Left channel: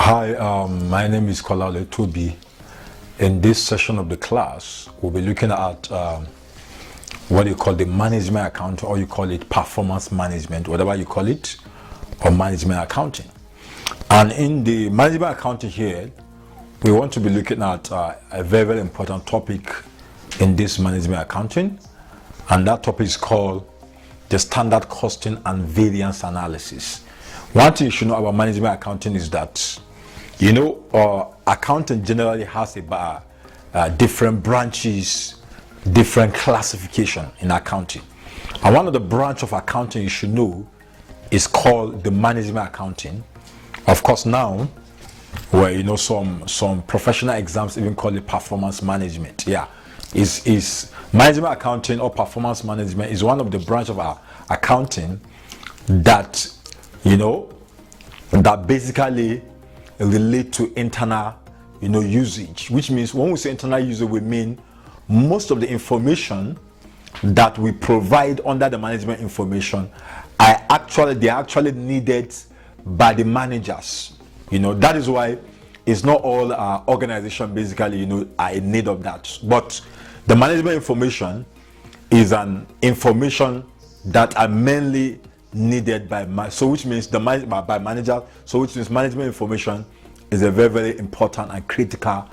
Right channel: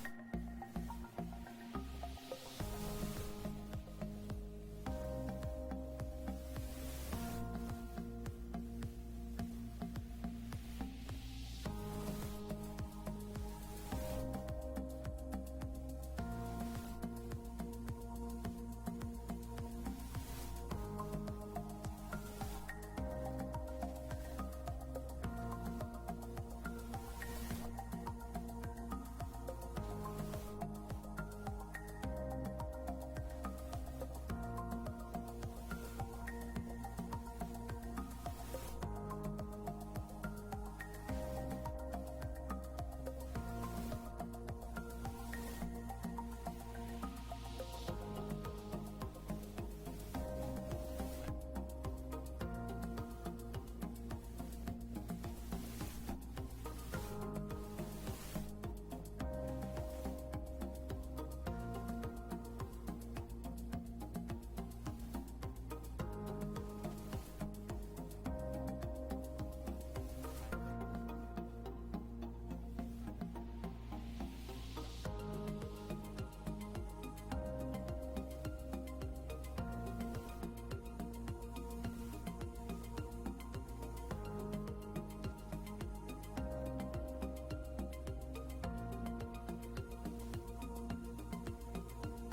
Hi, my name is Kolale Tobi. In this session of the class, we'll be looking at what you call the management account, or you call it performance management, whatever you call it, or management accounting. And in the management accounting here, we want to be looking at a very, very important topic in this management accounting, and that topic is called the standard costing and variance analysis. One thing you should know about management accounting is that, accounting generally has about different branches, different classification in accounting. And one of the branch of accounting you should know is called the management accounting. Of course, now, where some professional exams even call it performance management. Is management accounting or performance management is one of the branch of our accounting that that basically relate to internal usage, which means when we say internal usage, we mean most of the information that we provide under the management information are actually needed by the managers. That is why it's not all organization basically are in need of that, but the management information is an information that are mainly needed by which means by manager. So which means management information is a very, very important and critical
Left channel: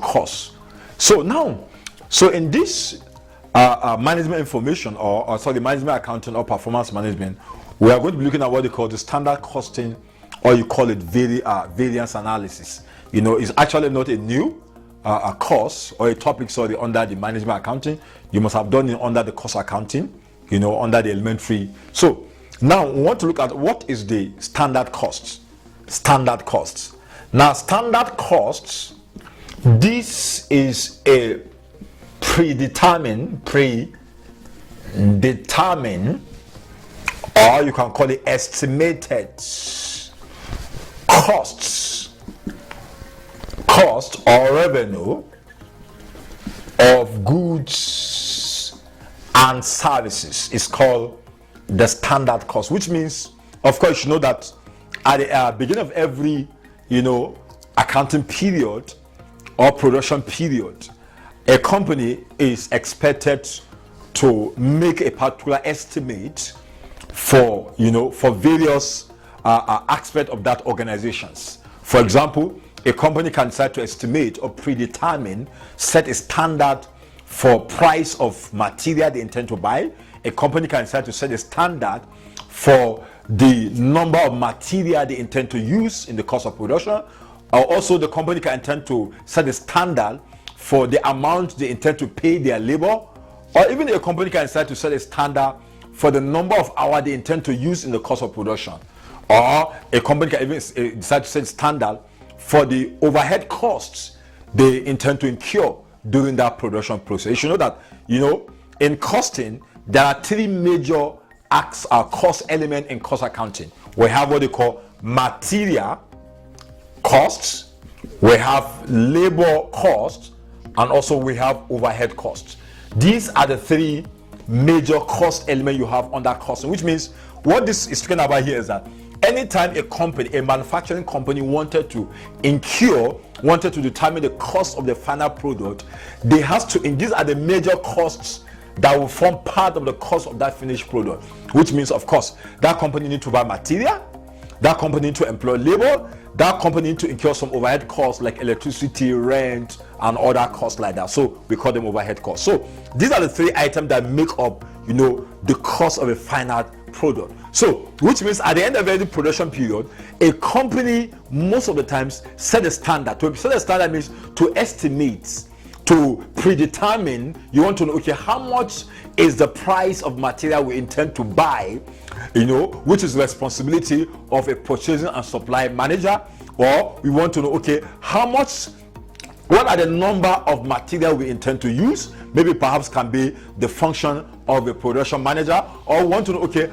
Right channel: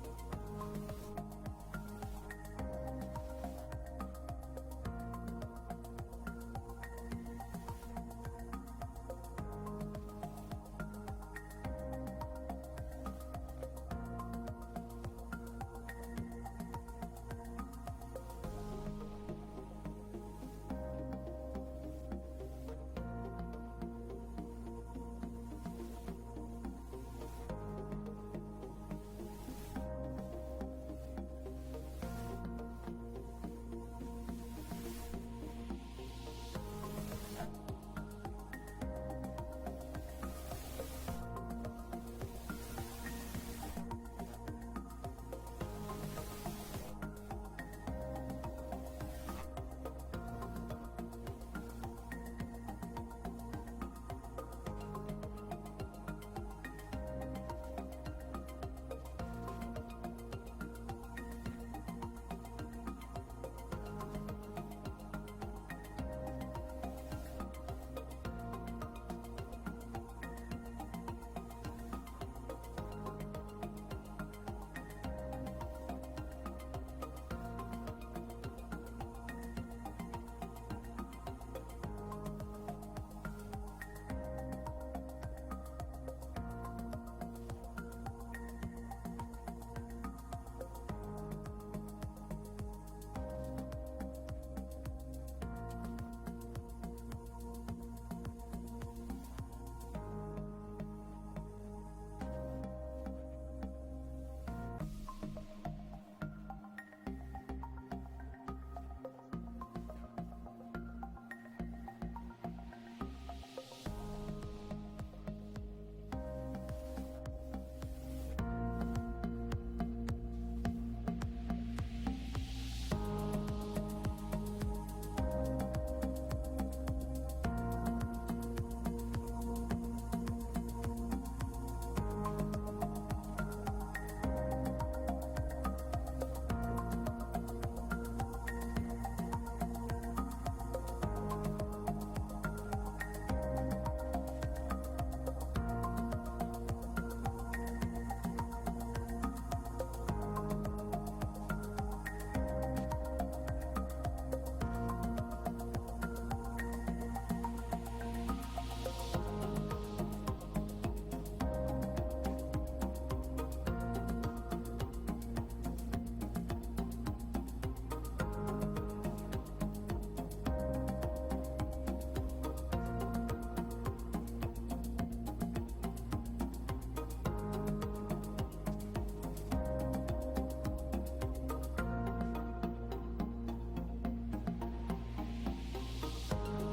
course. So in this management information or management accounting or performance management, we are going to be looking at what they call the standard costing, or you call it variance analysis. It's actually not a new a course or a topic under the management accounting. You must have done it under the course accounting, under the elementary. So now we want to look at what is the standard costs. Standard costs. Now, standard costs, this is a predetermined, or you can call it estimated cost or revenue of goods and services. Is called the standard cost, which means, of course, that at the beginning of every accounting period or production period, a company is expected to make a particular estimate for various aspects of that organizations. For example, a company can decide to estimate or predetermine, set a standard for price of material they intend to buy. A company can decide to set a standard for the number of material they intend to use in the course of production, or also the company can intend to set a standard for the amount they intend to pay their labor, or even a company can decide to set a standard for the number of hours they intend to use in the course of production, or a company can even decide to set a standard for the overhead costs they intend to incur during that production process. You should know that in costing there are three major cost element in cost accounting. We have what they call material costs, we have labor costs, and also we have overhead costs. These are the three major cost elements you have under costing, which means what this is talking about here is that anytime a manufacturing company wanted to determine the cost of the final product, they have to, and these are the major costs that will form part of the cost of that finished product, which means, of course, that company need to buy material, that company need to employ labor, that company need to incur some overhead costs like electricity, rent, and other costs like that. So we call them overhead costs. So these are the three items that make up the cost of a final product. So which means at the end of every production period, a company most of the times set a standard. To set a standard means to estimate, to predetermine. You want to know, okay, how much is the price of material we intend to buy, which is the responsibility of a purchasing and supply manager. Or we want to know, okay, what are the number of material we intend to use? Maybe perhaps can be the function of a production manager. Or we want to know, okay,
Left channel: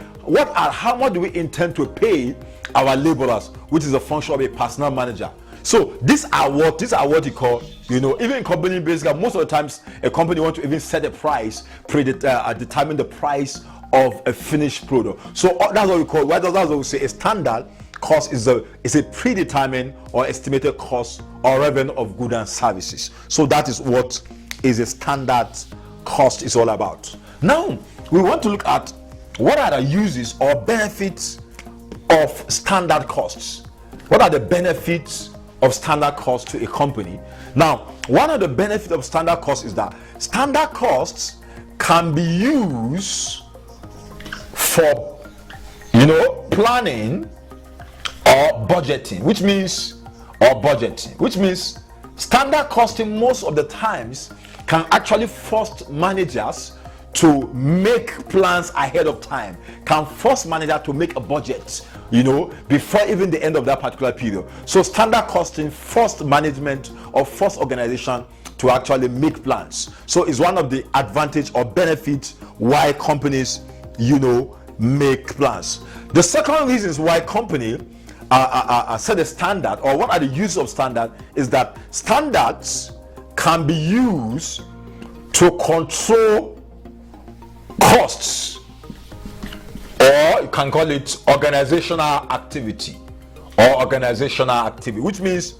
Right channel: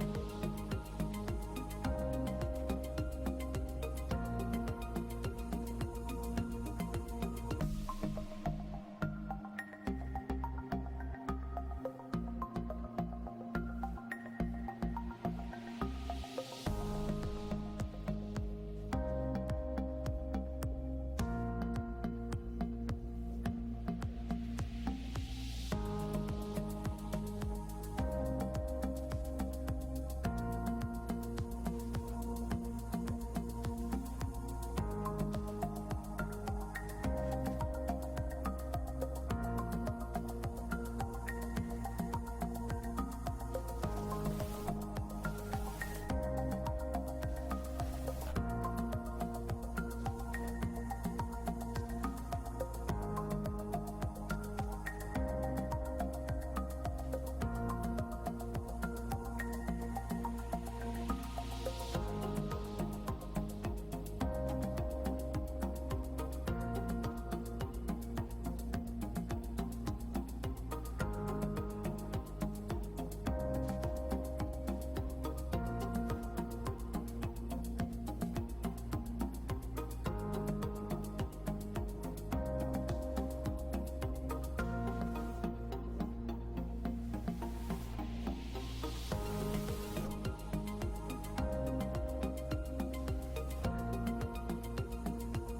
how much do we intend to pay our laborers, which is a function of a personnel manager. So these are what you call, even in company basically, most of the times a company want to even set a price, determine the price of a finished product. So that's what we call, that's what we say a standard cost is a predetermined or estimated cost or revenue of goods and services. So that is what is a standard cost is all about. Now we want to look at what are the uses or benefits of standard costs. What are the benefits of standard costs to a company? Now, one of the benefits of standard costs is that standard costs can be used for, planning or budgeting, which means standard costing most of the times can actually force managers to make plans ahead of time, can force manager to make a budget, before even the end of that particular period. So standard costing forced management or forced organization to actually make plans. So it's one of the advantage or benefits why companies, make plans. The second reasons why company set a standard, or what are the uses of standard, is that standards can be used to control costs, or you can call it organizational activity, which means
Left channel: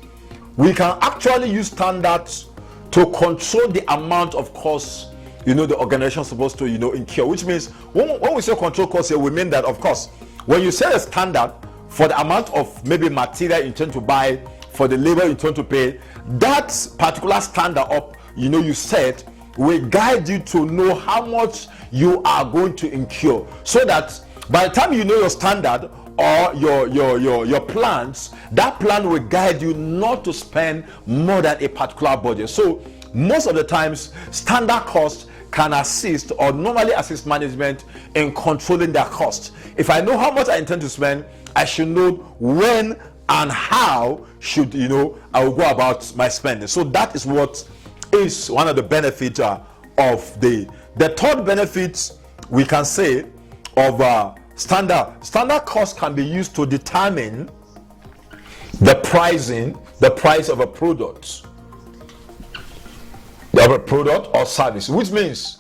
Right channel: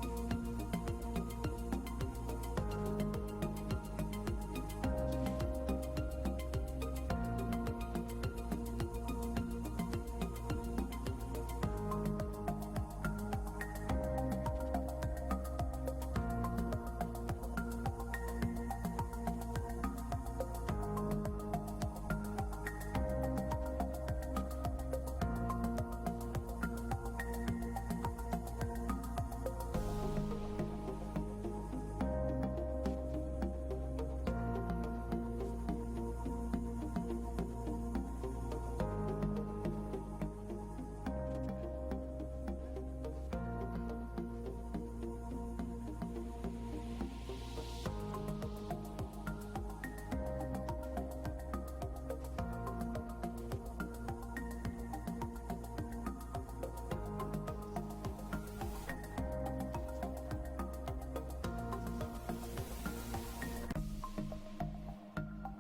we can actually use standards to control the amount of costs the organization is supposed to incur. Which means when we say control costs here, we mean that, of course, when you set a standard for the amount of maybe material you intend to buy, for the labor you intend to pay, that particular standard you set will guide you to know how much you are going to incur, so that by the time you know your standard or your plans, that plan will guide you not to spend more than a particular budget. So most of the times standard costs can assist or normally assist management in controlling their costs. If I know how much I intend to spend, I should know when and how should I will go about my spending. So that is what is one of the benefits of the third benefit we can say of standard cost can be used to determine the price of a product or service, which means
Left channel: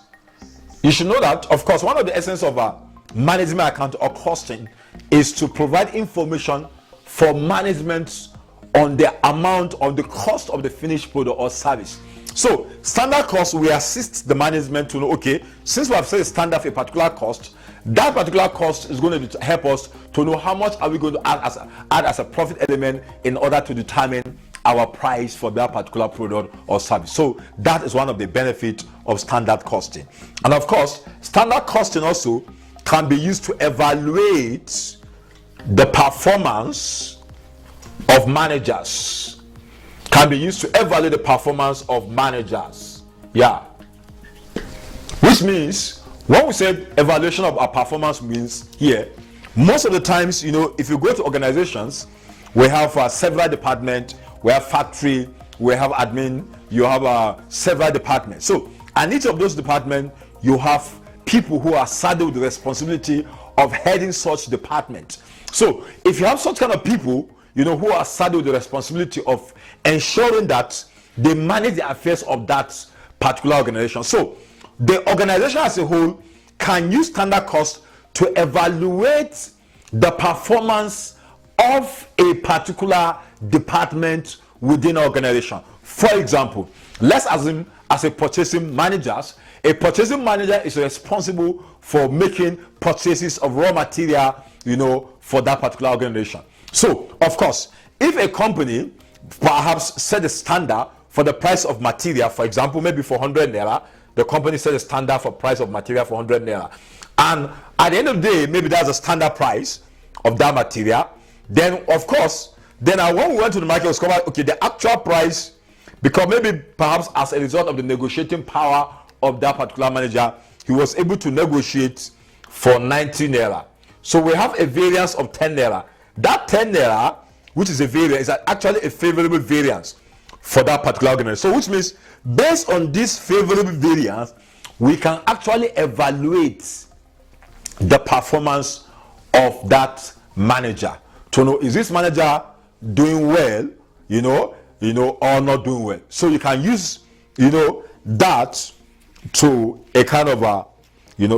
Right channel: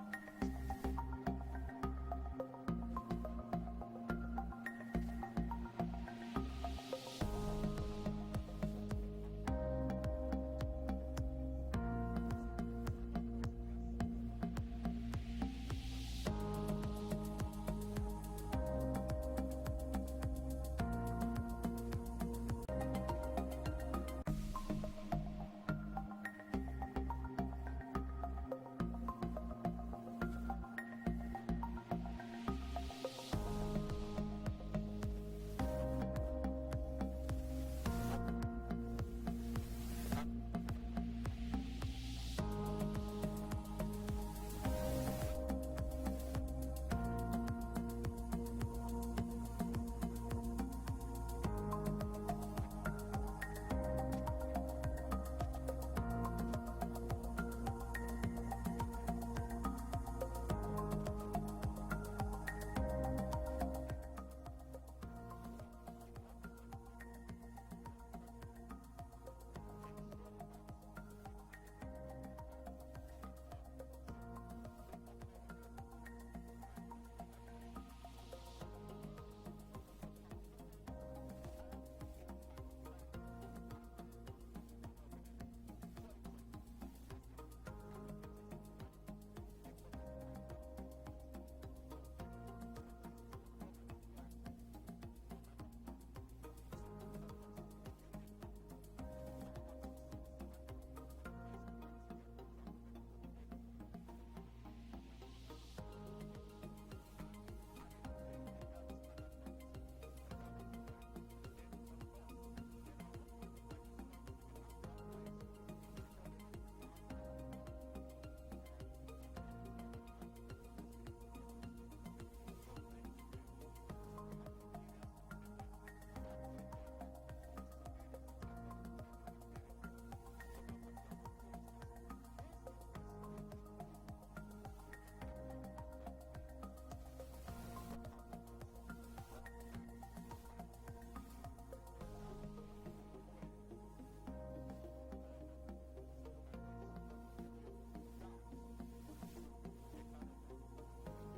you should know that, of course, one of the essence of management account or costing is to provide information for management on the amount of the cost of the finished product or service. So standard cost will assist the management to know, okay, since we have set a standard for a particular cost, that particular cost is going to help us to know how much are we going to add as a profit element in order to determine our price for that particular product or service. So that is one of the benefits of standard costing. And of course, standard costing also can be used to evaluate the performance of managers. Can be used to evaluate the performance of managers. Yeah. Which means, when we say evaluation of our performance, means here, most of the times, if you go to organizations, we have several departments, we have factory, we have admin, you have several departments. So, and each of those departments, you have people who are saddled with the responsibility of heading such department. So, if you have such kind of people, who are saddled with the responsibility of ensuring that they manage the affairs of that particular organization. So, the organization as a whole can use standard cost to evaluate the performance of a particular department within an organization. For example, let's assume as a purchasing manager is responsible for making purchases of raw material, for that particular organization. So, of course, if a company perhaps set a standard for the price of material, for example, maybe for 100 naira, the company set a standard for price of material for 100 naira, and at the end of the day, maybe that's a standard price of that material. Then, of course, when we went to the market, we discovered, okay, the actual price, because maybe perhaps as a result of the negotiating power of that particular manager, he was able to negotiate for 90 naira. So we have a variance of 10 naira. That 10 naira, which is a variance, is actually a favorable variance for that particular organization. So which means, based on this favorable variance, we can actually evaluate the performance of that manager to know, is this manager doing well, or not doing well. So you can use, that to a kind of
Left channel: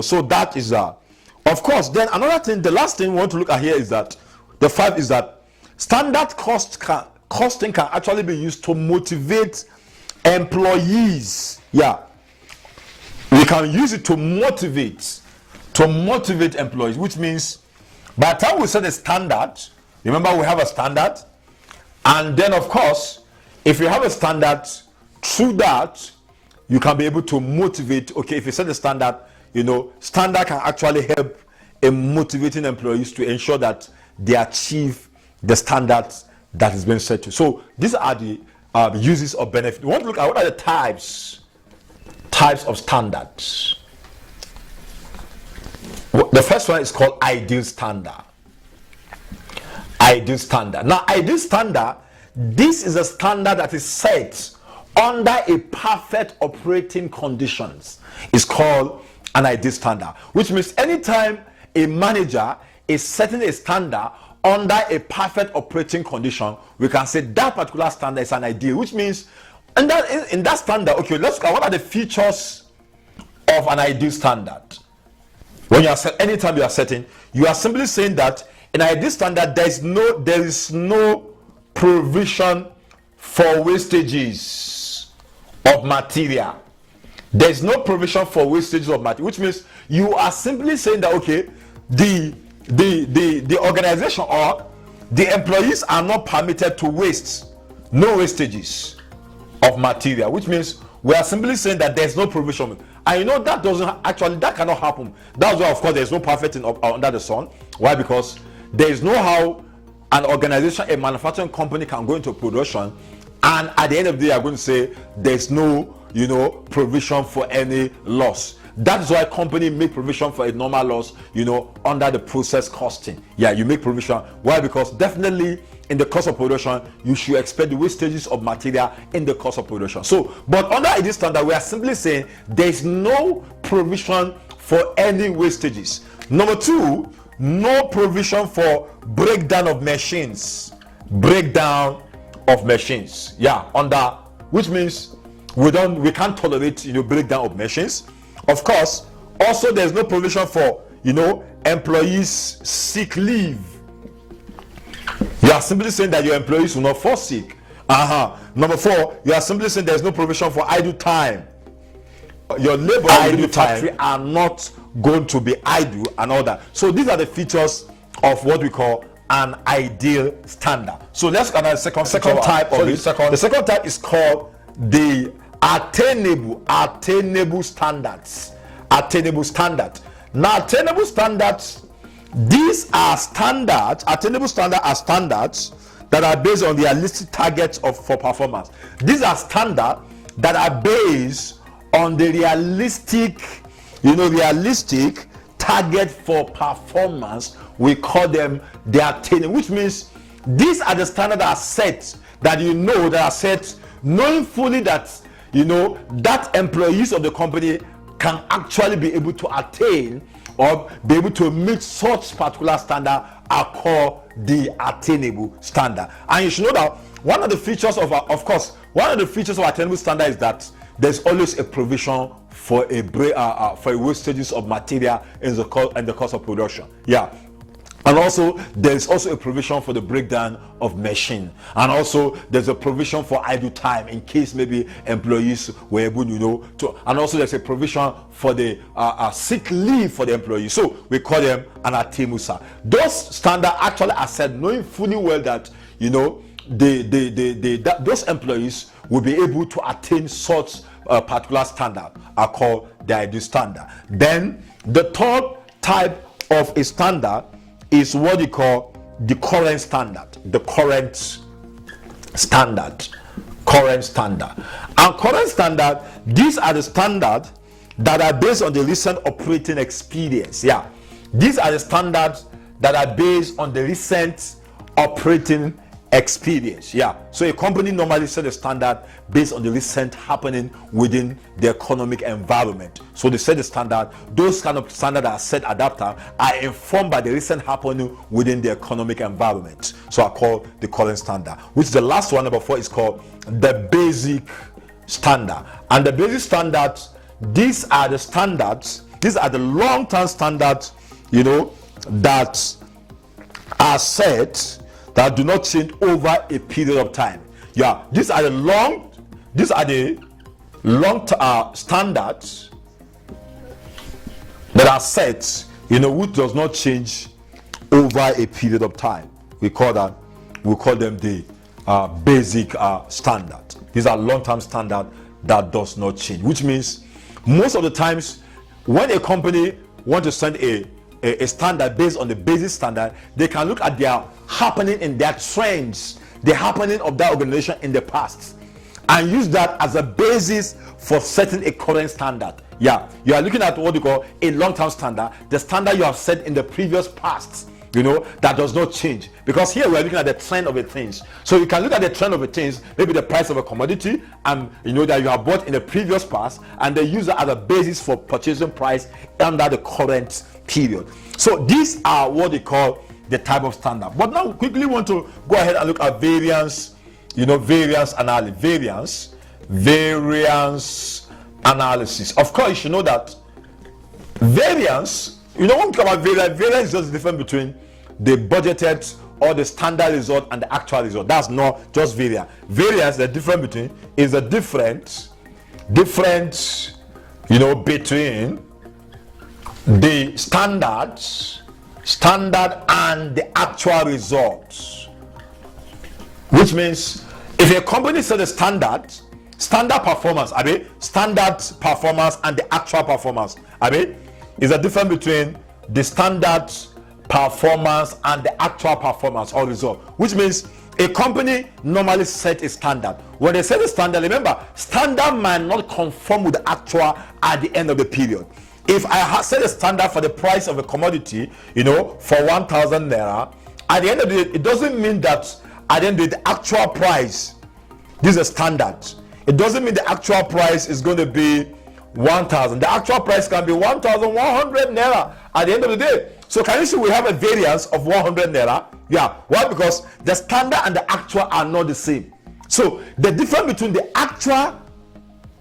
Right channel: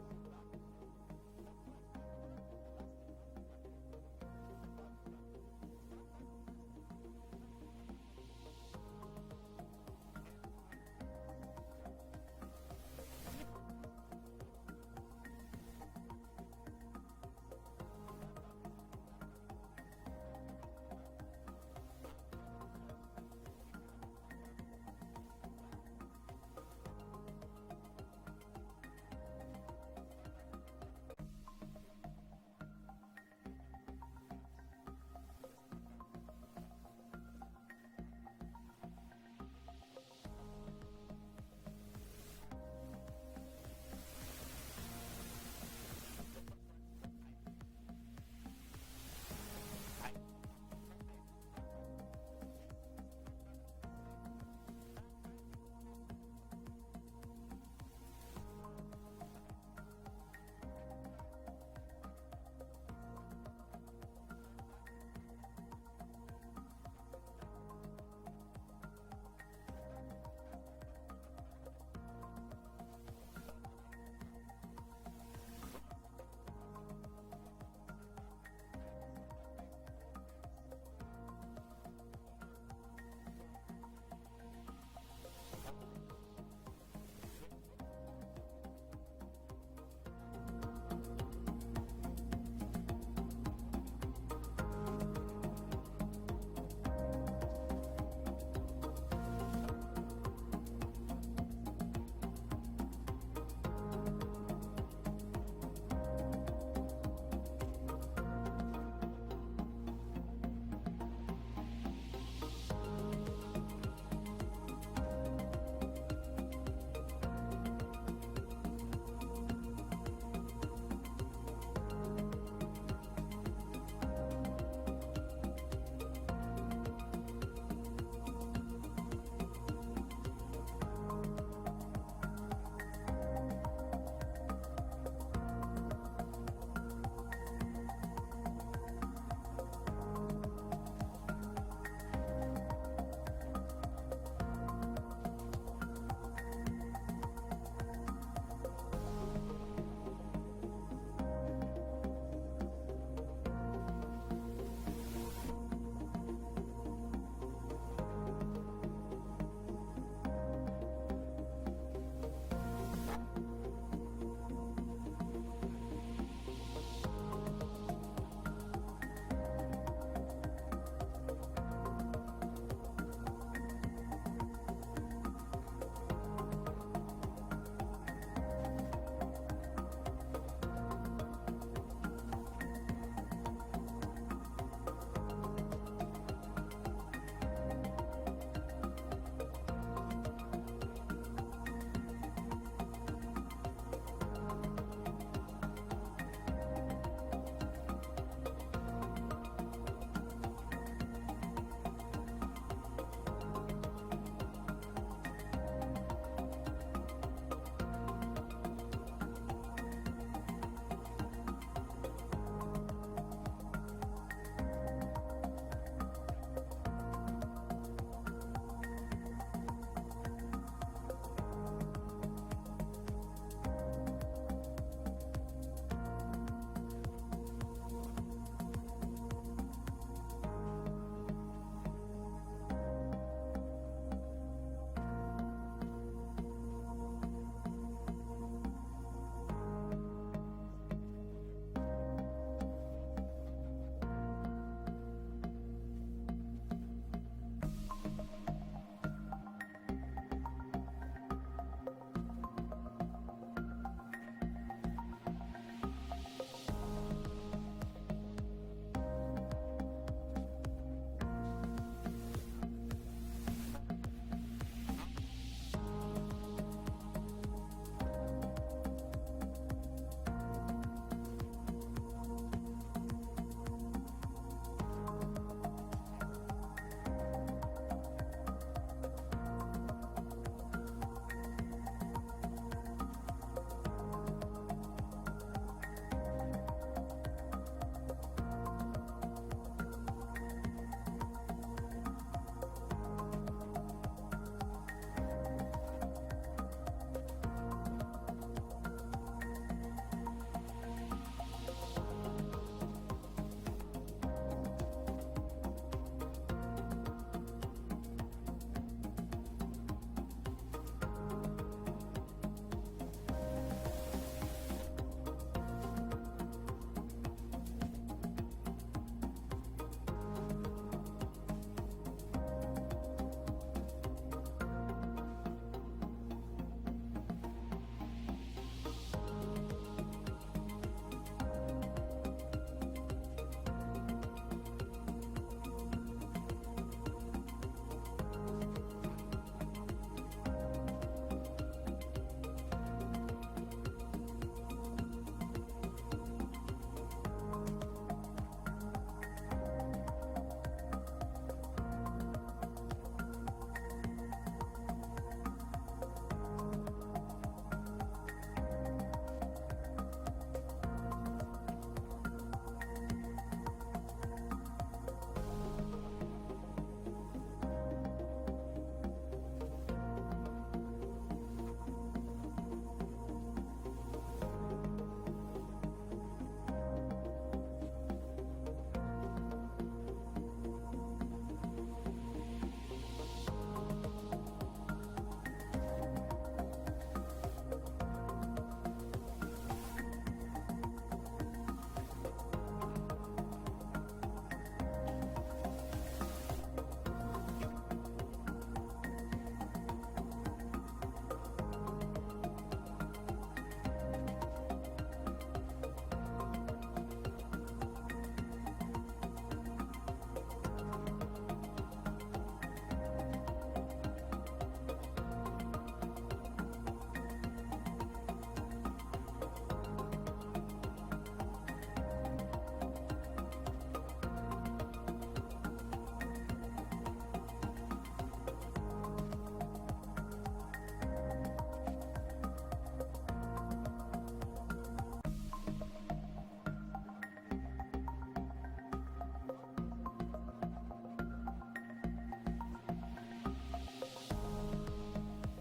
so that is of course. Then another thing, the last thing we want to look at here is that The 5 is that standard costing can actually be used to motivate employees. Yeah, we can use it to motivate employees, which means by the time we set a standard, remember we have a standard, and then of course, if you have a standard, through that you can be able to motivate. Okay, if you set a standard, standard can actually help in motivating employees to ensure that they achieve the standards that is being set to. So these are the uses of benefit. We want to look at what are the types of standards. The first one is called ideal standard. Ideal standard. Now, ideal standard, this is a standard that is set under a perfect operating conditions. It's called an ideal standard, which means anytime a manager is setting a standard under a perfect operating condition, we can say that particular standard is an ideal, which means in that standard, okay, let's look at what are the features of an ideal standard. When you are anytime you are setting, you are simply saying that in an ideal standard there is no provision for wastages of material. There is no provision for wastages of material, which means you are simply saying that okay, the organization or the employees are not permitted to waste, no wastages of material, which means we are simply saying that there's no provision. And that cannot happen. That's why of course there's no perfect under the sun. Why? Because there is no how an organization, a manufacturing company can go into production and at the end of the day are going to say there's no provision for any loss. That is why company make provision for a normal loss, under the process costing. Yeah, you make provision. Why? Because definitely in the cost of production, you should expect the wastages of material in the cost of production. So, but under this standard, we are simply saying there is no provision for any wastages. Number 2, no provision for breakdown of machines. Breakdown of machines. Yeah, which means we can't tolerate breakdown of machines. Of course, also there's no provision for employees sick leave. You are simply saying that your employees will not fall sick. Number 4, you are simply saying there's no provision for idle time. Your labor in the factory are not going to be idle and all that. So these are the features of what we call an ideal standard. So let's look at the second type of it. The second type is called the attainable standards. Attainable standard. Now, attainable standards, these are standards. Attainable standards are standards that are based on realistic targets for performance. These are standards that are based on the realistic target for performance. We call them the attainable, which means these are the standards that are set, that are set knowing fully that that employees of the company can actually be able to attain or be able to meet such particular standard are called the attainable standard. And you should know that one of the features of attainable standard is that there's always a provision for wastages of material in the cost of production. Yeah. And also there's also a provision for the breakdown of machine, and also there's a provision for idle time in case maybe employees were able to, and also there's a provision for the sick leave for the employees. So we call them an attainable standard. Those standards actually are set knowing fully well that those employees will be able to attain such a particular standard are called the ideal standard. Then the third type of a standard is what you call the current standard. The current standard. And current standard, these are the standards that are based on the recent operating experience. Yeah, these are the standards that are based on the recent operating experience. Yeah, so a company normally set a standard based on the recent happening within the economic environment. So they set the standard. Those kind of standards are set at that time are informed by the recent happening within the economic environment. So I call the current standard. Which the last one, number 4, is called the basic standard. And the basic standards, these are the standards. These are the long-term standards, that are set that do not change over a period of time. Yeah, these are the long standards that are set, which does not change over a period of time. We call them the basic standard. These are long-term standard that does not change, which means most of the times when a company wants to send a standard based on the basic standard, they can look at their happening in their trends, the happening of that organization in the past, and use that as a basis for setting a current standard. Yeah, you are looking at what you call a long-term standard, the standard you have set in the previous past, that does not change. Because here we are looking at the trend of the things. So you can look at the trend of the things, maybe the price of a commodity, and that you have bought in the previous past, and they use that as a basis for purchasing price under the current period. So these are what they call the type of standard. But now quickly want to go ahead and look at variance, variance analysis. Variance analysis. Of course, you should know that variance, when we talk about variance is just the difference between the budgeted or the standard result and the actual result. That's not just variance. Variance, the difference between is the difference between the standard and the actual results. Which means if a company set a standard performance, standard performance and the actual performance, is a difference between the standard performance and the actual performance or result. Which means a company normally set a standard. When they set a standard, remember, standard might not conform with the actual at the end of the period. If I set a standard for the price of a commodity, for 1,000 naira, at the end of the day, it doesn't mean that at the end of the actual price, this is a standard. It doesn't mean the actual price is going to be 1,000. The actual price can be 1,100 naira at the end of the day. So can you see we have a variance of 100 naira? Yeah. Why? Because the standard and the actual are not the same. So the difference between the actual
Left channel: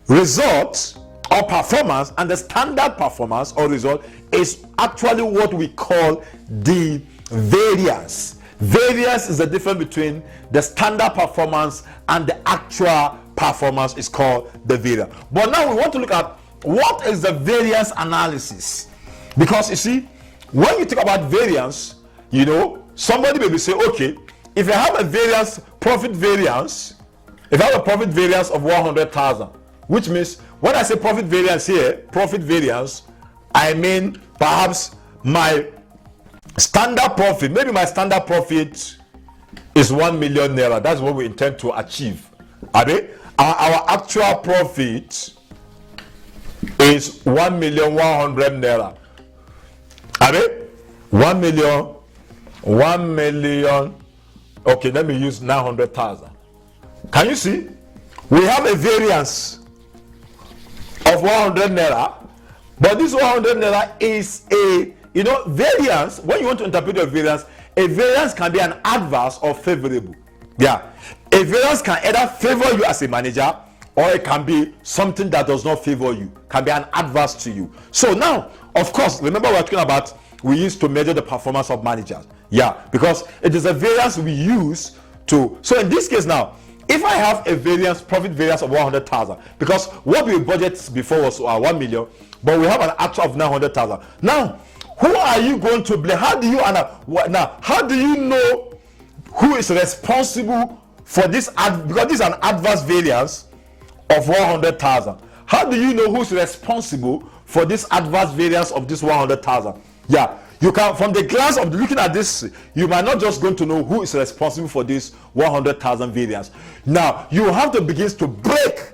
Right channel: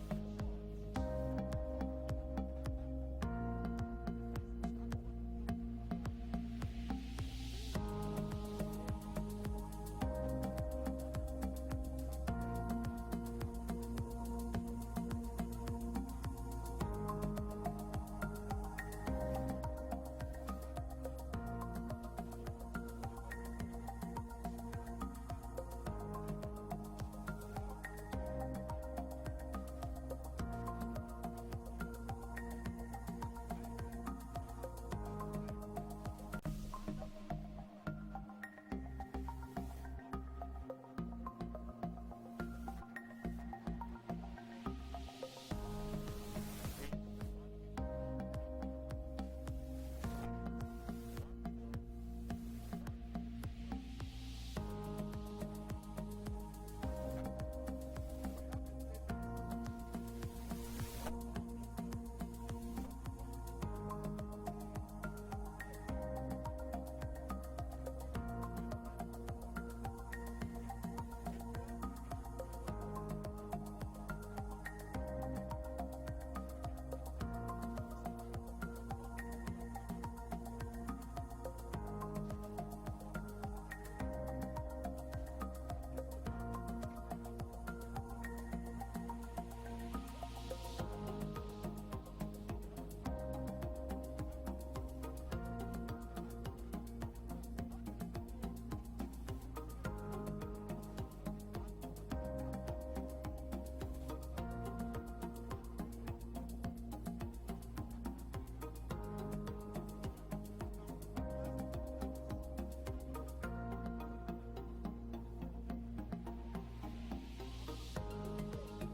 result or performance and the standard performance or result is actually what we call the variance. Variance is the difference between the standard performance and the actual performance is called the variance. But now we want to look at what is the variance analysis, because you see, when you talk about variance, somebody may be saying, okay, if I have a profit variance of 100,000, which means when I say profit variance here, I mean perhaps my standard profit, maybe my standard profit is 1 million naira. That's what we intend to achieve. Our actual profit is 1,100,000 naira. 1 million. Okay, let me use 900,000. Can you see? We have a variance of 100 naira, but this 100 naira is a variance. When you want to interpret a variance can be an adverse or favorable. Yeah, a variance can either favor you as a manager, or it can be something that does not favor you, can be an adverse to you. So now, of course, remember we're talking about we used to measure the performance of managers. Yeah, because it is a variance we use to. So in this case now, if I have a profit variance of 100,000, because what we budgeted before was 1 million, but we have an actual of 900,000. Now, who are you going to blame? How do you know who is responsible for this? Because this is an adverse variance of 100,000. How do you know who's responsible for this adverse variance of this 100,000? Yeah, you can, from the glance of looking at this, you might not just going to know who is responsible for this 100,000 variance. Now you have to begin to break,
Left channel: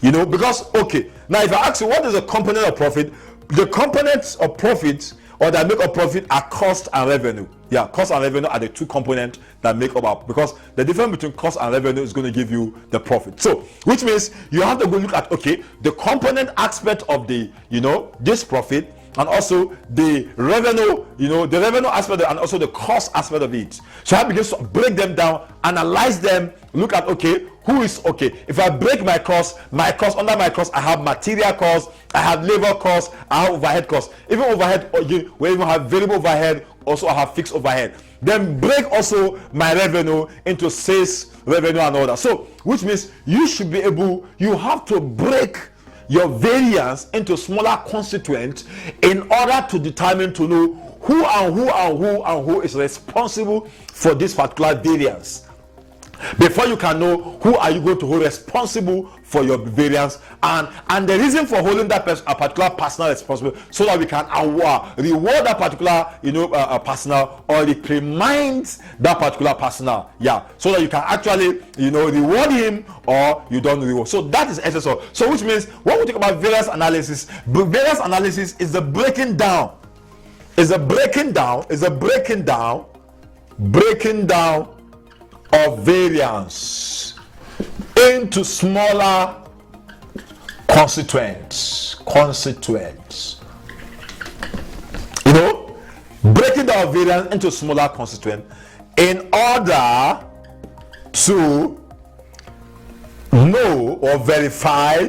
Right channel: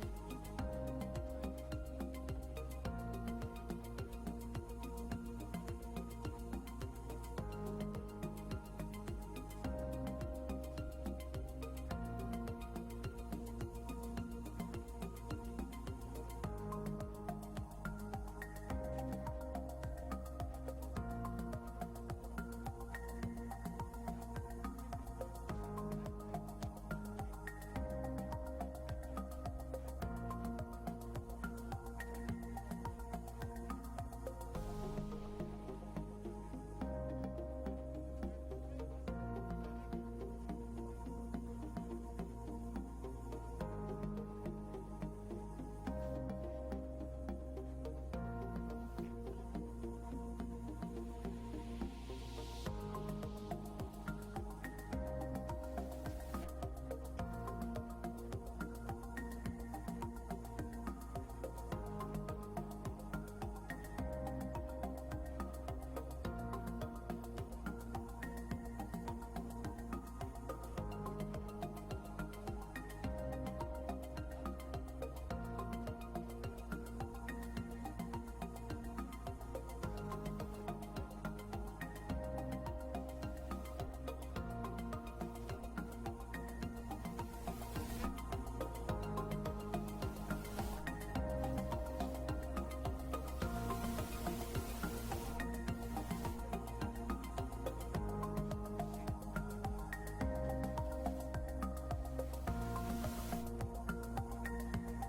because okay, now if I ask you what is a component of profit, the components of profit or that make up profit are cost and revenue. Yeah, cost and revenue are the two components that make up, because the difference between cost and revenue is going to give you the profit. So which means you have to go look at, okay, the component aspect of the this profit, and also the revenue, the revenue aspect, and also the cost aspect of it. So I begin to break them down, analyze them, look at, okay, who is, okay, if I break my cost, under my cost, I have material costs, I have labor costs, I have overhead costs. Even overhead, we even have variable overhead, also have fixed overhead. Then break also my revenue into sales revenue and all that. So which means you should be able, you have to break your variance into smaller constituents in order to determine, to know who is responsible for this particular variance. Before you can know who are you going to hold responsible for your variance, and the reason for holding that person, a particular person responsible, so that we can reward that particular person, or reprimand that particular person, so that you can actually reward him or you don't reward. So that is essence of. So which means when we talk about variance analysis is the breaking down of variance into smaller constituents. Breaking down variance into smaller constituents in order to know or verify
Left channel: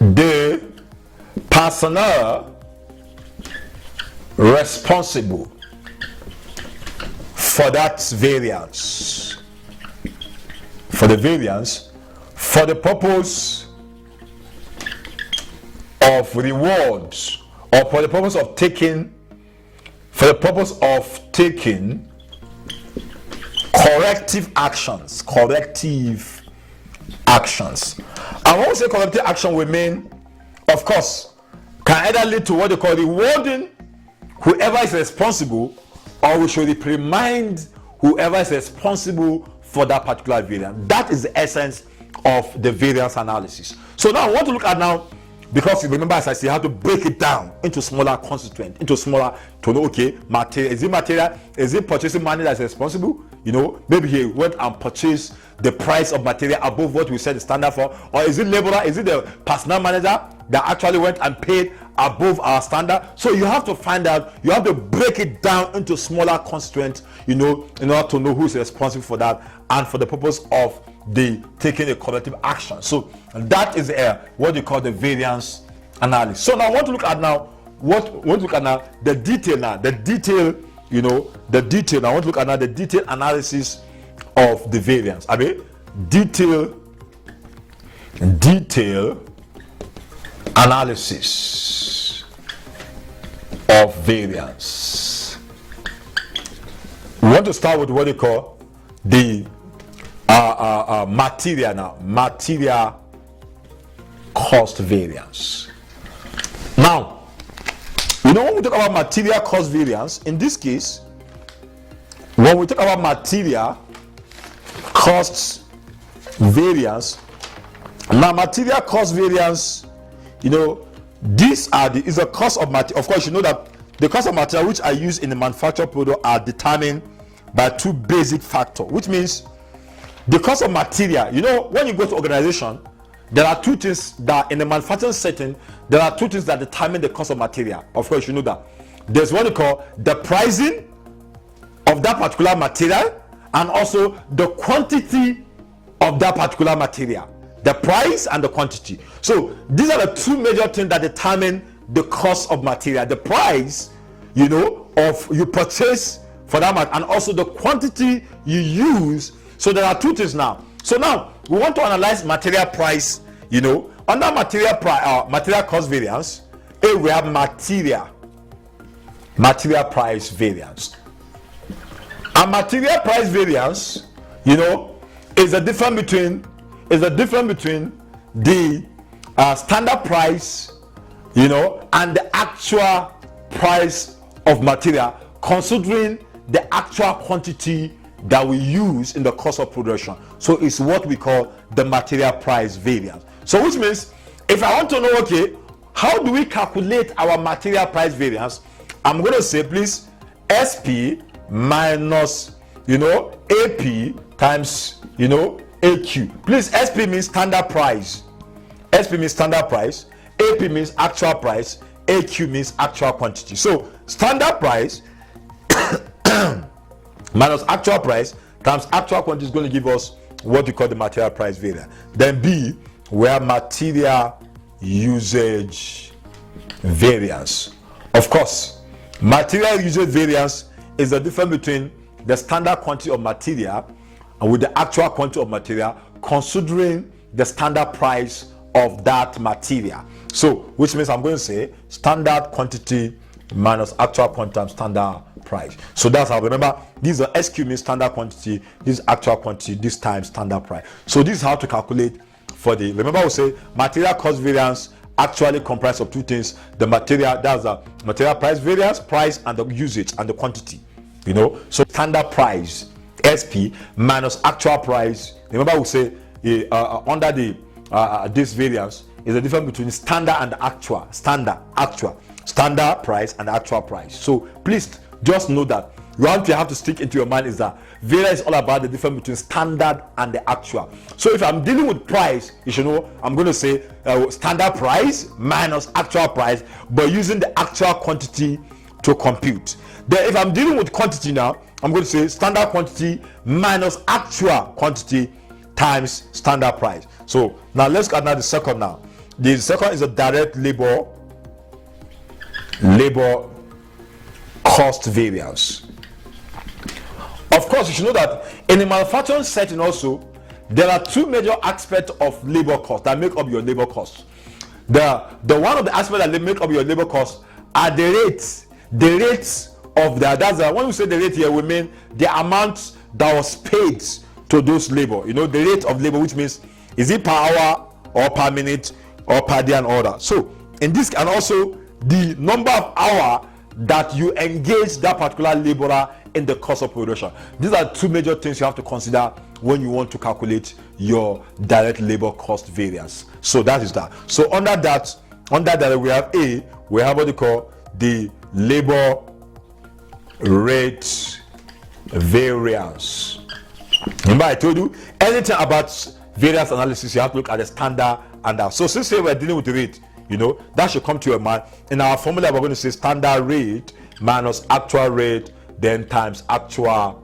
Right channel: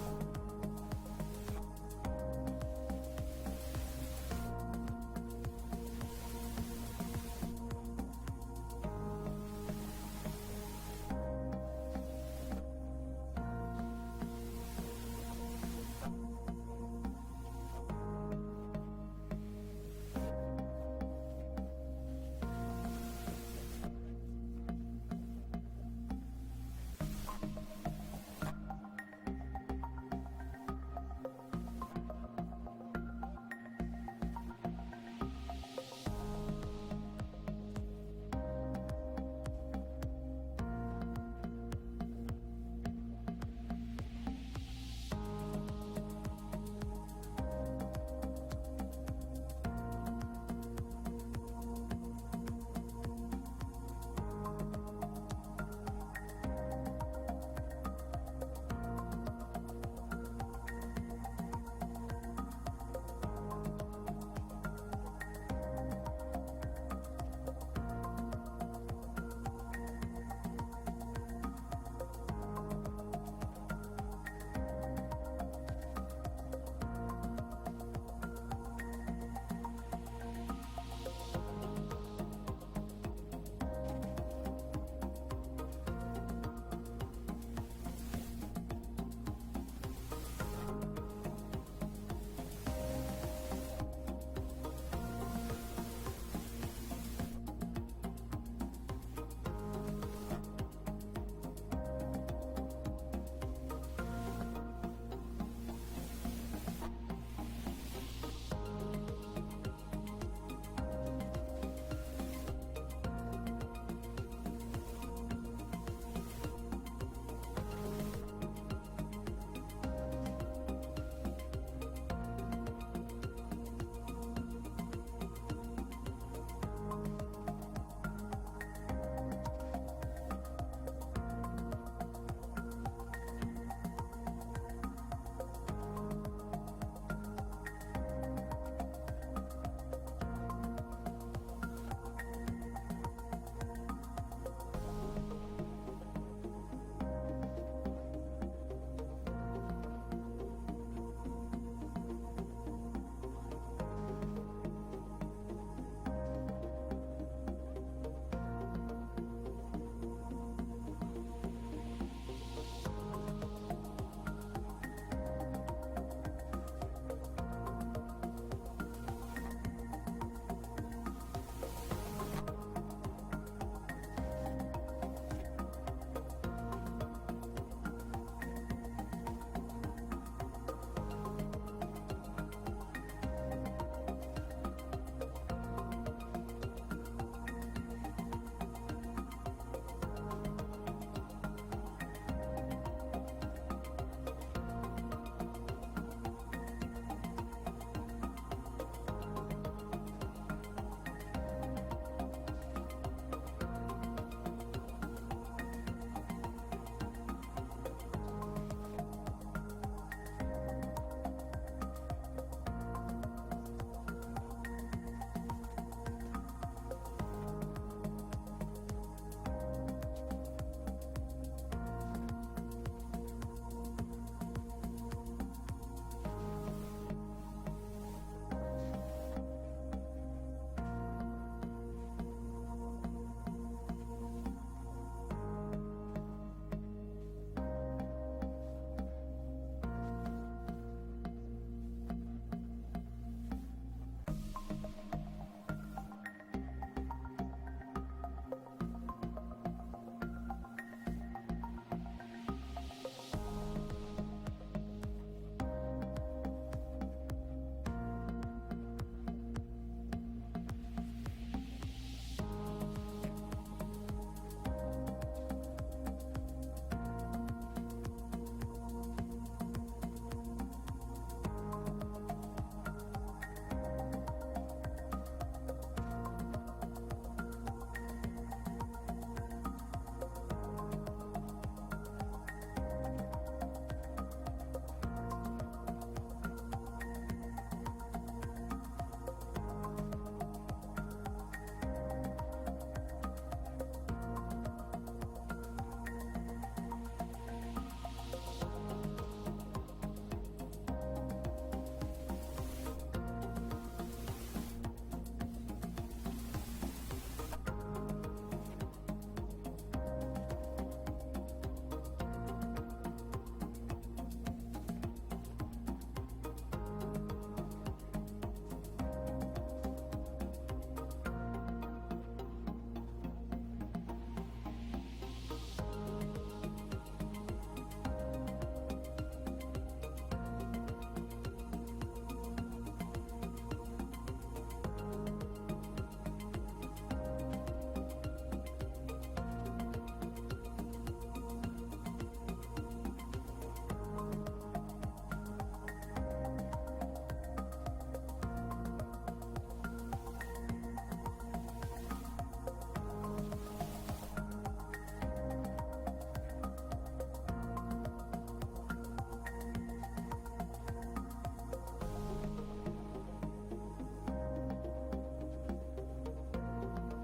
the personnel responsible for that variance, for the purpose of rewards, or for the purpose of taking corrective actions. And when we say corrective action, we mean, of course, can either lead to what they call rewarding whoever is responsible, or we should reprimand whoever is responsible for that particular variance. That is the essence of the variance analysis. So now I want to look at now, because you remember, as I say, you have to break it down into smaller constituents, to know, okay, material, is it purchasing money that's responsible? Maybe he went and purchased the price of material above what we set the standard for, or is it laborer, is it the personnel manager that actually went and paid above our standard? So you have to find out, you have to break it down into smaller constituents, in order to know who's responsible for that, and for the purpose of the taking a corrective action. So that is what you call the variance analysis. So now I want to look at the detail now. I want to look at now the detailed analysis of the variance. I mean, detail analysis of variance. We want to start with what they call the material cost variance. Now, when we talk about material cost variance, in this case, when we talk about material cost variance, now material cost variance, these is the cost of material. Of course, you know that the cost of material which are used in the manufactured product are determined by two basic factors, which means the cost of material. When you go to organization, there are two things that in the manufacturing setting, there are two things that determine the cost of material. Of course, you know that. There's what you call the pricing of that particular material, and also the quantity of that particular material. The price and the quantity. So these are the two major things that determine the cost of material. The price, of you purchase for that matter, and also the quantity you use. So there are two things now. So now we want to analyze material price. Under material cost variance, we have material price variance. And material price variance, is the difference between the standard price, and the actual price of material, considering the actual quantity that we use in the cost of production. So it's what we call the material price variance. So which means, if I want to know, okay, how do we calculate our material price variance, I'm going to say, please, SP minus, AP times, AQ. Please, SP means standard price. SP means standard price. AP means actual price. AQ means actual quantity. So standard price minus actual price times actual quantity is going to give us what we call the material price variance. Then B, we have material usage variance. Of course, Material usage variance is the difference between the standard quantity of material and with the actual quantity of material, considering the standard price of that material. So, which means I'm going to say standard quantity minus actual quantity times standard price. So that's how, remember, these are SQ means standard quantity, this actual quantity, this times standard price. So this is how to calculate for the, remember we say material cost variance actually comprised of two things: the material, that's the material price variance, price, and the usage and the quantity. You know, so standard price SP minus actual price. Remember we say under the this variance is the difference between standard and actual. Standard price and actual price. So please just know that what you have to stick into your mind is that variance is all about the difference between standard and the actual. So if I'm dealing with price, you should know I'm going to say standard price minus actual price, but using the actual quantity to compute. Then if I'm dealing with quantity now, I'm going to say standard quantity minus actual quantity times standard price. So now let's get the second now. The second is a direct labor cost variance. Of course, you should know that in the manufacturing setting also, there are two major aspects of labor cost that make up your labor cost. The one of the aspects that make up your labor cost are the rates of the, that's when we say the rate here, we mean the amount that was paid to those labor. You know, the rate of labor, which means is it per hour or per minute or per day and all that. So in this, and also the number of hours that you engage that particular laborer in the cost of production. These are two major things you have to consider when you want to calculate your direct labor cost variance. So that is that. So under that we have we have what they call the labor rate variance. Remember I told you anything about variance analysis, you have to look at the standard and that. So since we're dealing with the rate, you know, that should come to your mind. In our formula, we're going to say standard rate minus actual rate, then times actual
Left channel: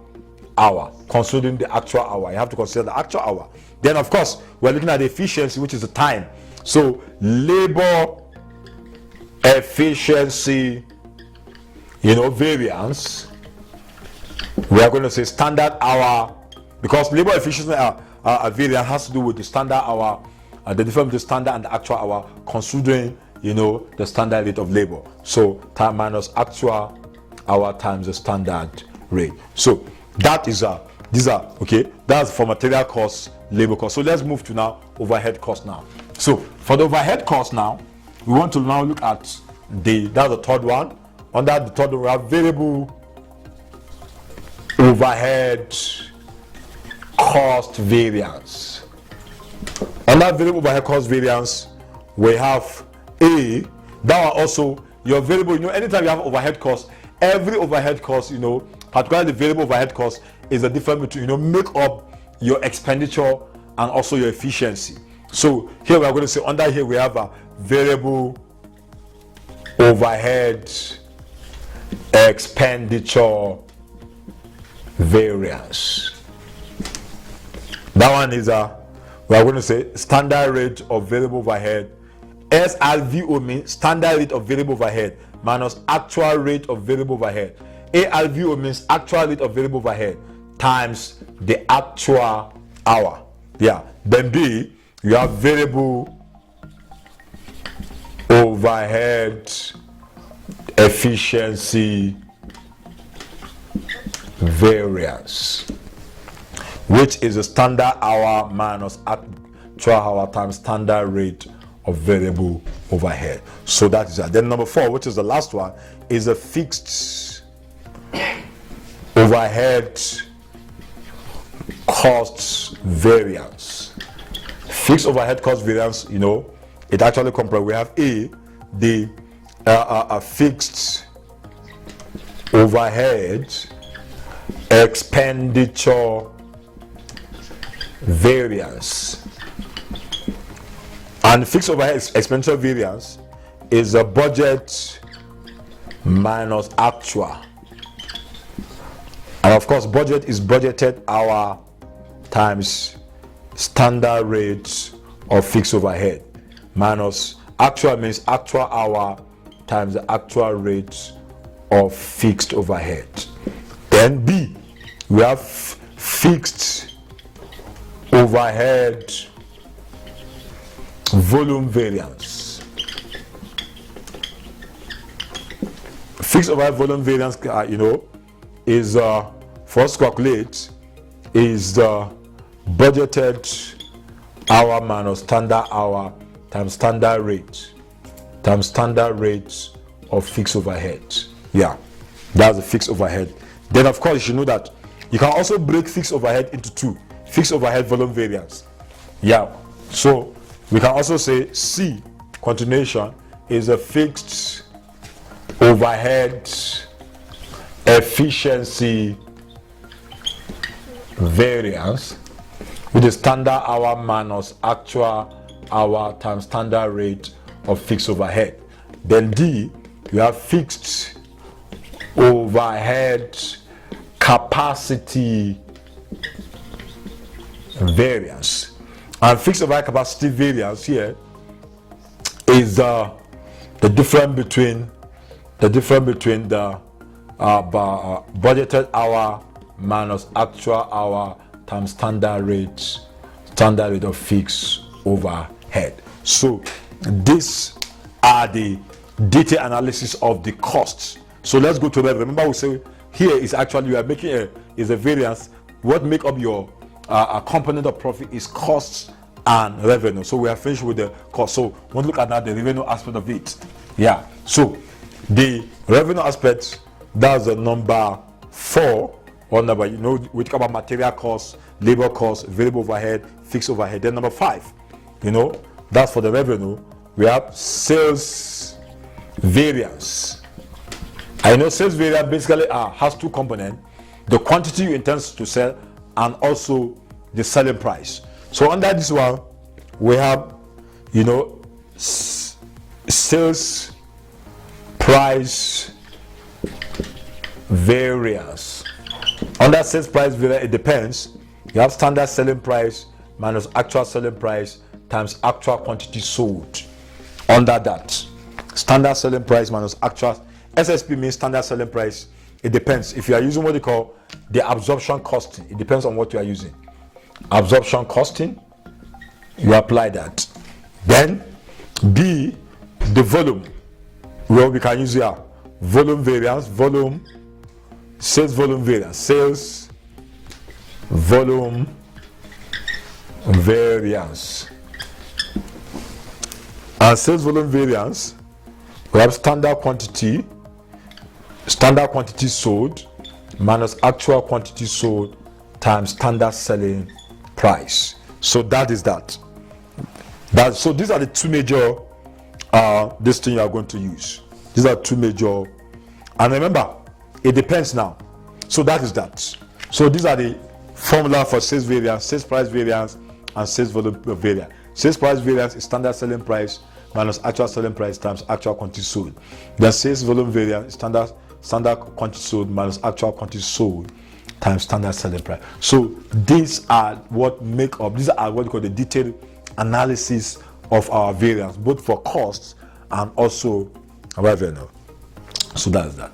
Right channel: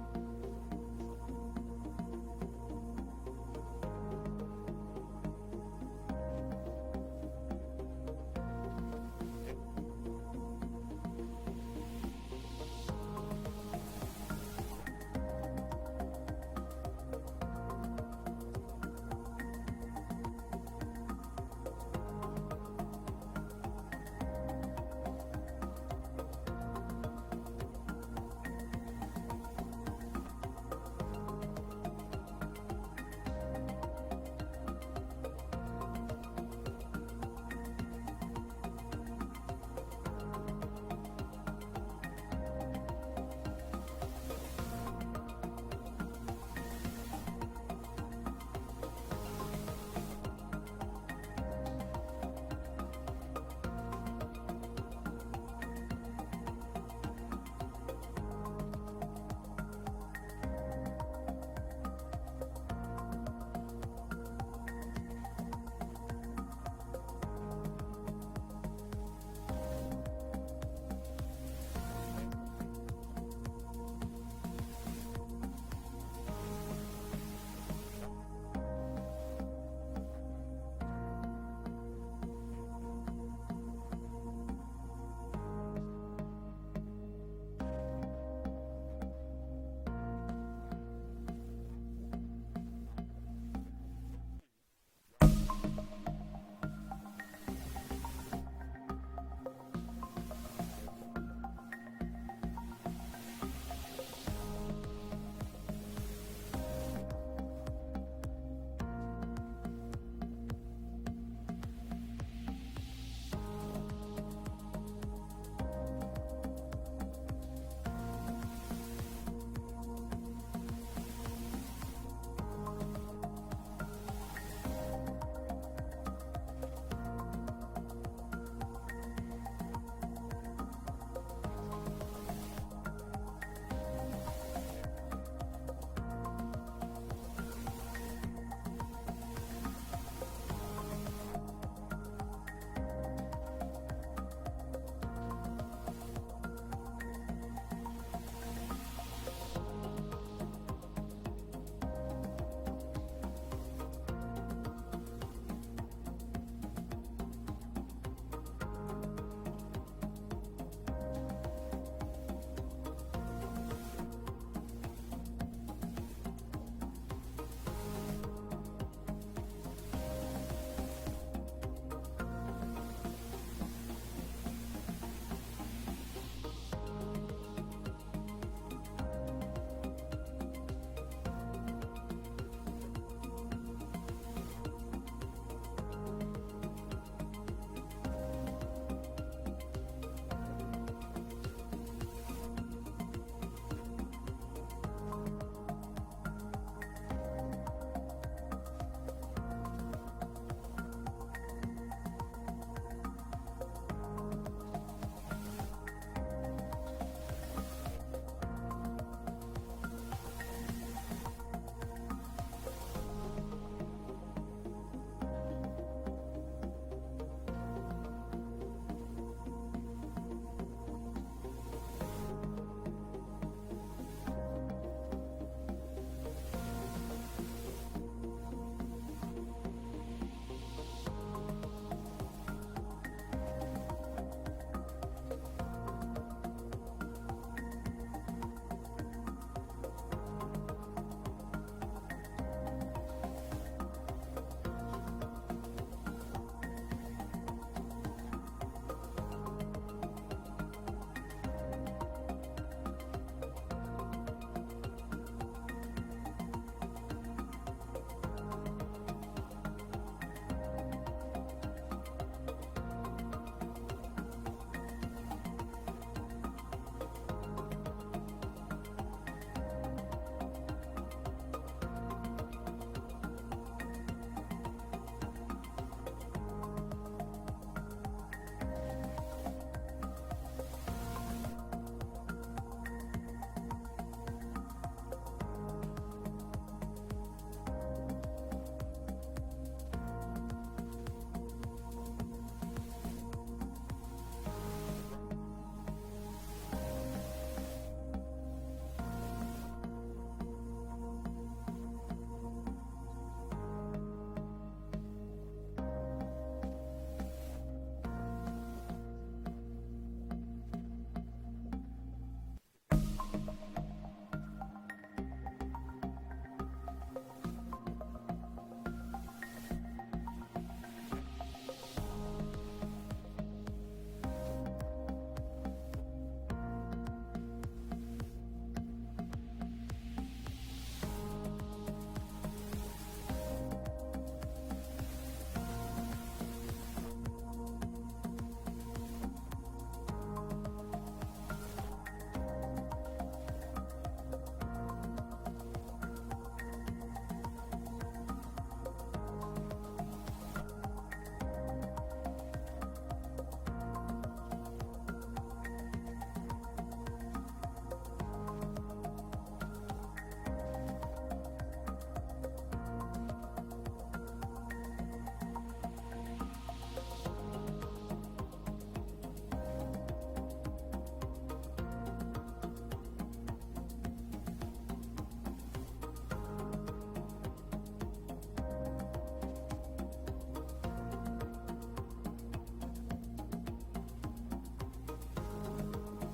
hour. Considering the actual hour, you have to consider the actual hour. Then, of course, we're looking at the efficiency, which is the time. So labor efficiency, you know, variance. We are going to say standard hour, because labor efficiency variance has to do with the standard hour. The difference between standard and the actual hour, considering, you know, the standard rate of labor. So time minus actual hour times the standard rate. So that is these are okay. That's for material cost, labor cost. So let's move to now overhead cost now. So for the overhead cost now, we want to now look at that's the third one. Under the third one, we have variable overhead cost variance. Under variable overhead cost variance, we have that one also your variable. You know, anytime you have overhead cost, every overhead cost, you know, particularly the variable overhead cost, is a difference between, you know, make up your expenditure and also your efficiency. So here we are going to say under here we have a variable overhead expenditure variance. That one is we are going to say standard rate of variable overhead. SRVO means standard rate of variable overhead minus actual rate of variable overhead. ARVO means actual rate of variable overhead times the actual hour. Yeah. Then B, you have variable overhead efficiency variance, which is a standard hour minus actual hour times standard rate of variable overhead. So that is that. Then number 4, which is the last one, is a fixed overhead cost variance. Fixed overhead cost variance, you know, it actually comprises, we have the fixed overhead expenditure variance. And fixed overhead expenditure variance is a budget minus actual. And of course, budget is budgeted hour times standard rate of fixed overhead minus actual means actual hour times the actual rate of fixed overhead. Then B, we have fixed overhead volume variance. Fixed overhead volume variance, is for us to calculate is the budgeted hour minus standard hour times standard rate of fixed overhead. Yeah, that's the fixed overhead. Then of course you know that you can also break fixed overhead into two: fixed overhead volume variance. Yeah, so we can also say C, continuation, is a fixed overhead efficiency variance, with the standard hour minus actual hour times standard rate of fixed overhead. Then D, you have fixed overhead capacity variance. And fixed overhead capacity variance here is the difference between the budgeted hour minus actual hour times standard rate of fixed overhead. So these are the detailed analysis of the costs. So let's go to revenue. Remember, we say here is actually you are making a variance. What make up your component of profit is costs and revenue. So we are finished with the cost. So we'll look at now the revenue aspect of it. Yeah. So the revenue aspect, that's the number 4. Or number, we talk about material costs, labor costs, variable overhead, fixed overhead. Then number 5, that's for the revenue. We have sales variance. I know sales variance basically has 2 components: the quantity you intend to sell and also the selling price. So under this one, we have, sales price variance. Under sales price variance, it depends. You have standard selling price minus actual selling price times actual quantity sold. Under that, standard selling price minus actual, SSP means standard selling price. It depends. If you are using what they call the absorption costing, it depends on what you are using. Absorption costing, you apply that. Then B, the volume. Well, we can use here volume variance, sales volume variance, sales volume variance. And sales volume variance, we have standard quantity sold minus actual quantity sold times standard selling price. So that is that. So these are the 2 major this thing you are going to use. These are 2 major, and remember, it depends now. So that is that. So these are the formula for sales variance, sales price variance, and sales volume variance. Sales price variance is standard selling price minus actual selling price times actual quantity sold. Then sales volume variance is standard quantity sold minus actual quantity sold times standard selling price. So these are what these are what we call the detailed analysis of our variance, both for costs and also revenue. So that's that.